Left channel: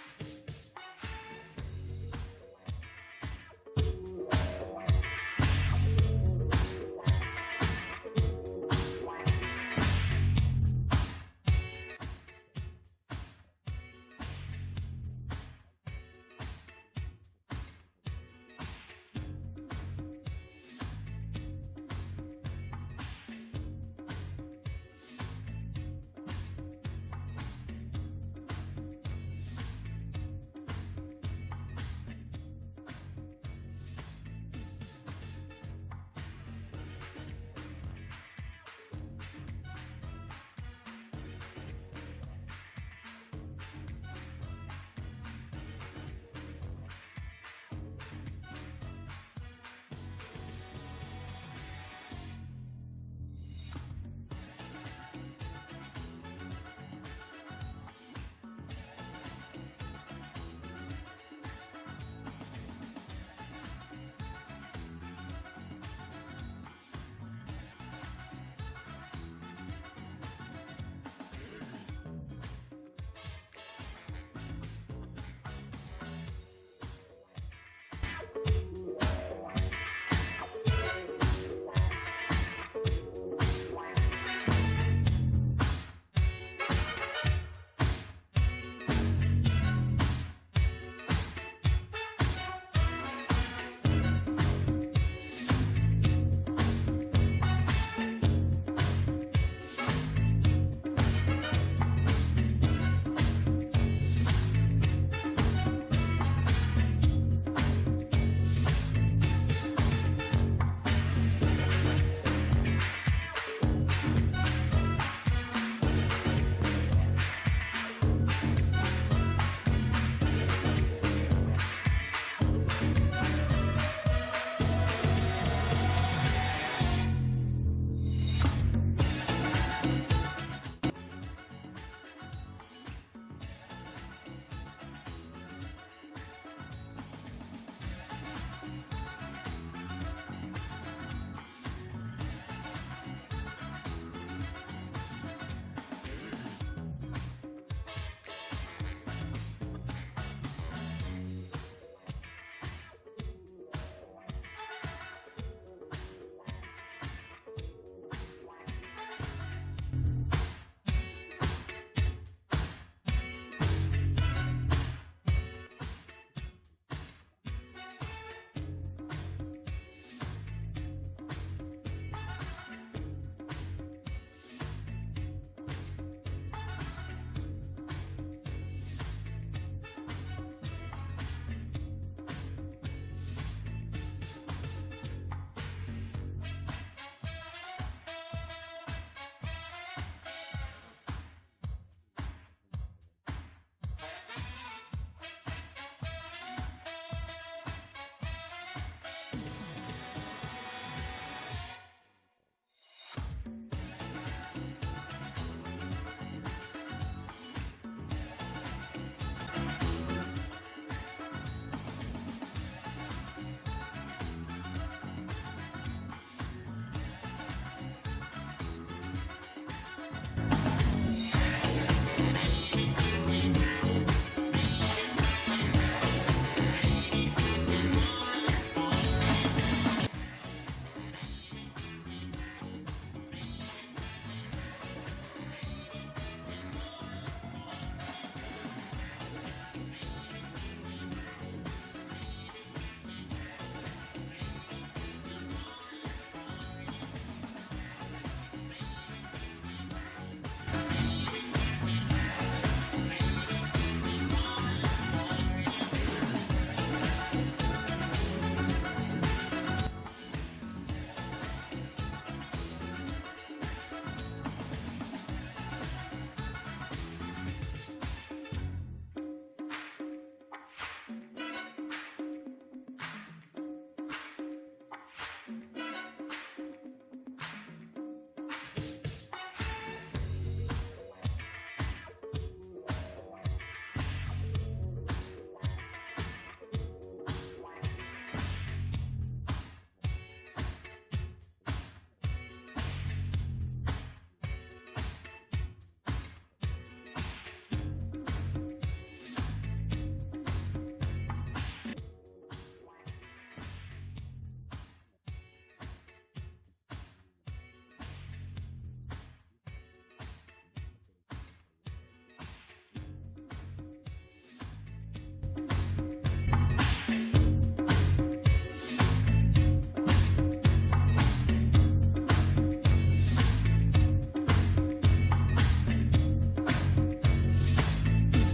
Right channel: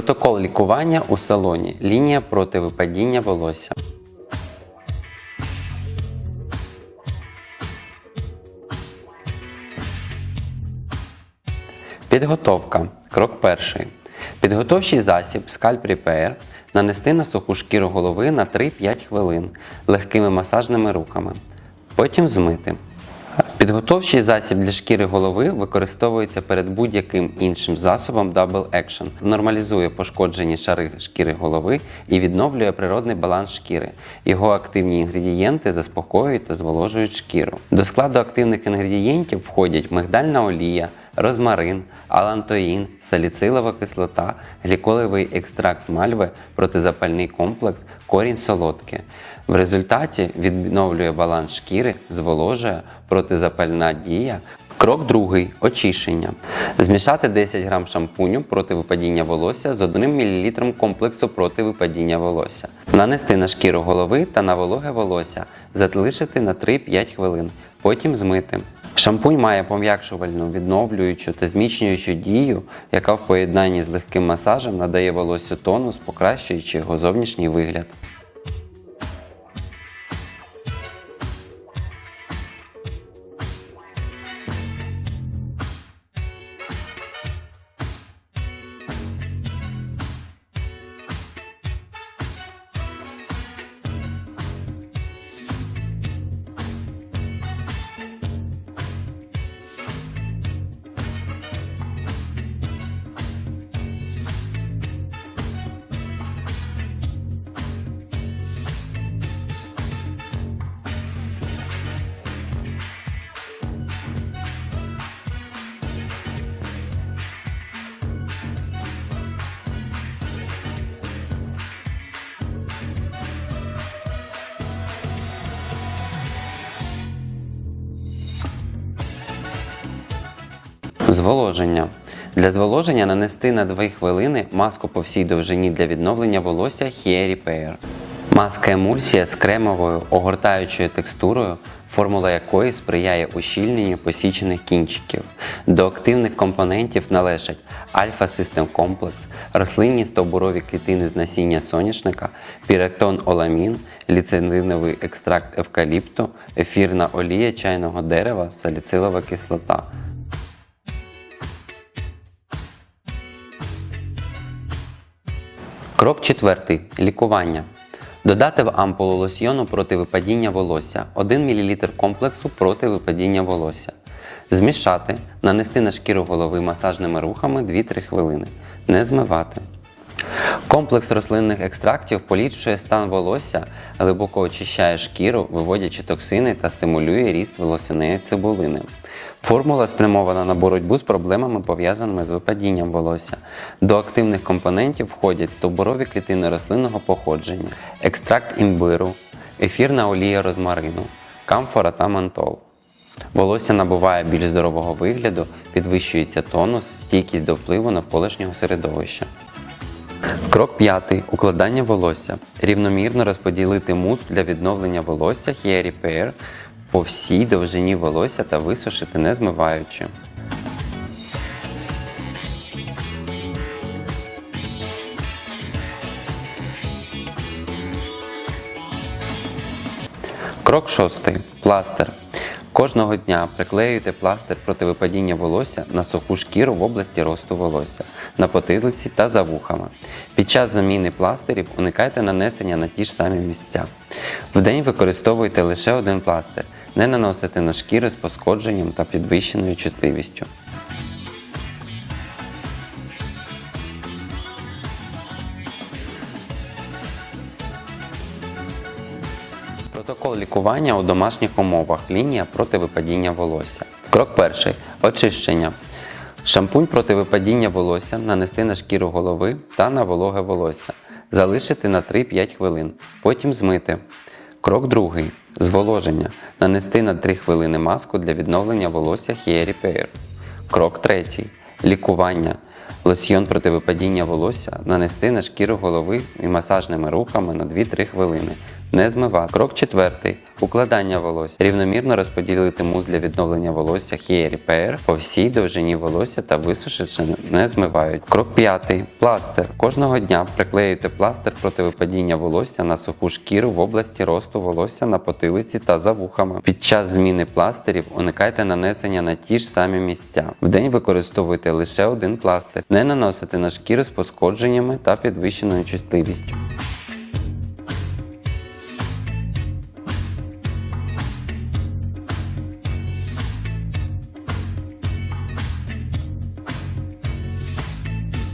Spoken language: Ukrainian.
Протокол лікування у салоні. Лінія проти випадіння волосся. Підготовка. Крок перший. Підготовчий засіб Scalp Repair нанести на суху шкіру голови на 3-5 хвилин легкими масажними руками. Потім змити. Підготовчий засіб для шкіри голови використовується перед будь-яким іншим засобом Double Action. Нормалізує пошкоджені шари шкіри голови і відновлює природний баланс шкіри. Його активні інгредієнти заспокоюють та зволожують шкіру. До складу активних інгредієнтів входять мигдальна олія, розмарин, алантоїн, саліцилова кислота, гліколевий екстракт мальви, протизапальний комплекс, корінь солодке. В результаті відновлює баланс шкіри, зволожує протизапальна дія. Крок другий очищення. Змішати 10 г шампуню проти випадіння волосся з 1 мл комплексу проти випадіння волосся. Нанести на шкіру голови та на вологе волосся, залишити на 3-5 хвилин. Потім змити. Шампунь має пом'якшувальну, відновлюючу та зміцнюючу дію, яка в поєднанні з легким масажем надає волоссю тонус, покращуючи його зовнішній вигляд. Зволоження. Для зволоження нанести на 2 хвилини маску по всій довжині для відновлення волосся Hair Repair. Маска емульсія з кремовою огортаючою текстурою, формула якої сприяє ущільненню посічених кінчиків. До активних компонентів належать Альфа System Complex, рослинні стовбурові клітини з насіння соняшника, піректон оламін, ліцериновий екстракт евкаліпту, ефірна олія чайного дерева, саліцилова кислота. Крок четвертий. Лікування. Додати в ампулу лосьйону проти випадіння волосся 1 мл комплексу проти випадіння волосся. Змішати, нанести на шкіру голови масажними рухами 2-3 хвилини. Не змивати. Комплекс рослинних екстрактів поліпшує стан волосся, глибоко очищає шкіру, виводячи токсини та стимулює ріст волосяної цибулини. Формула спрямована на боротьбу з проблемами, пов'язаними з випадінням волосся. До активних компонентів входять стовбурові клітини рослинного походження, екстракт імбиру, ефірна олія розмарину, камфора та мантол. Волосся набуває більш здорового вигляду, підвищується тонус, стійкість до впливу навколишнього середовища. Крок п'ятий. Укладання волосся. Рівномірно розподілити мус для відновлення волосся Hair Repair по всій довжині волосся та висушити не змиваючи. Крок шостий. Пластир. Кожного дня приклеюйте пластир проти випадіння волосся на суху шкіру в області росту волосся, на потилиці та за вухами. Під час заміни пластирів уникайте нанесення на ті ж самі місця. Вдень використовуйте лише один пластир, не наносите на шкіри з пошкодженням та підвищеною чутливістю. Протокол лікування у домашніх умовах. Лінія проти випадіння волосся. Крок перший. Очищення. Шампунь проти випадіння волосся нанести на шкіру голови та на вологе волосся. Залишити на 3-5 хвилин. Потім змити. Крок другий. Зволоження. Нанести на 3 хвилини маску для відновлення волосся Hair Repair. Крок третій. Лікування. Лосьйон проти випадіння волосся нанести на шкіру голови і масажними рухами на 2-3 хвилини. Не змивати. Крок четвертий. Укладання волосся. Рівномірно розподілити мус для відновлення волосся Hair Repair по всій довжині волосся та висушивши не змивають. Крок п'ятий. Пластир. Кожного дня приклеюйте пластир проти випадіння волосся на суху шкіру в області росту волосся на потилиці та за вухами. Під час зміни пластирів уникайте нанесення на ті ж самі місця. Вдень використовуйте лише один пластир. Не наносити на шкіру з пошкодженнями та підвищеною чутливістю.